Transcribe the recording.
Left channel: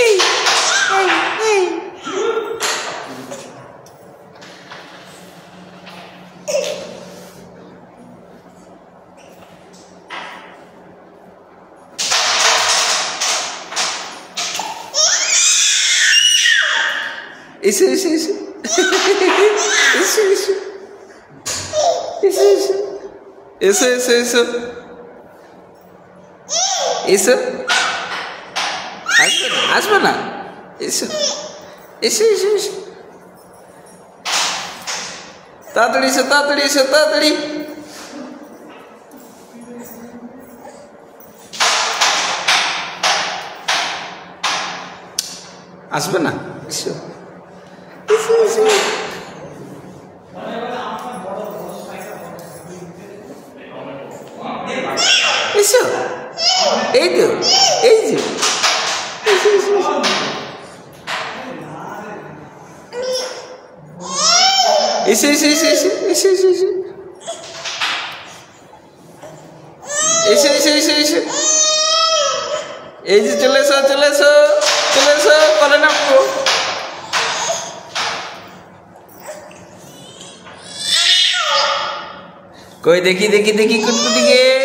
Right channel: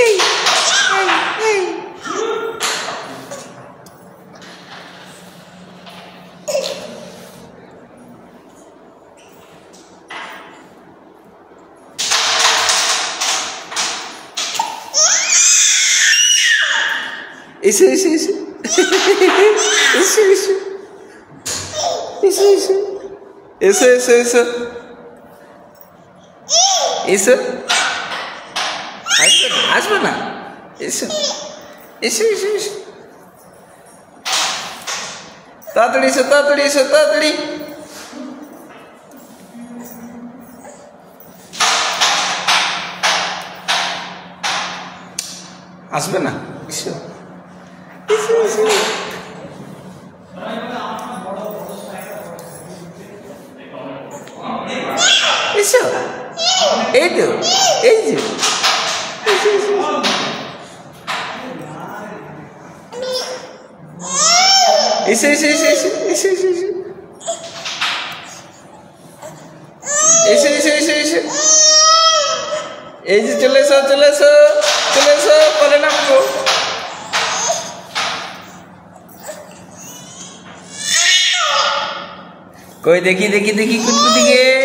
এই এই এসো এসো এসো এসো এসো এসো এসো এসো এসো এসো আসবে না এসো এসো এসো এসো তাড়াতাড়ি এসো তাড়াতাড়ি এসো তাড়াতাড়ি আসবে না এসো এসো এসো এসো এই তো এই যে এসো এসো এসো এসো এসো এসো এসো এসো এসো এসো এসো এই যে চলে এসো চলে এসো চলে এসো পরে নামবো কই দেখি দেখি দেখি কুটকুটিকে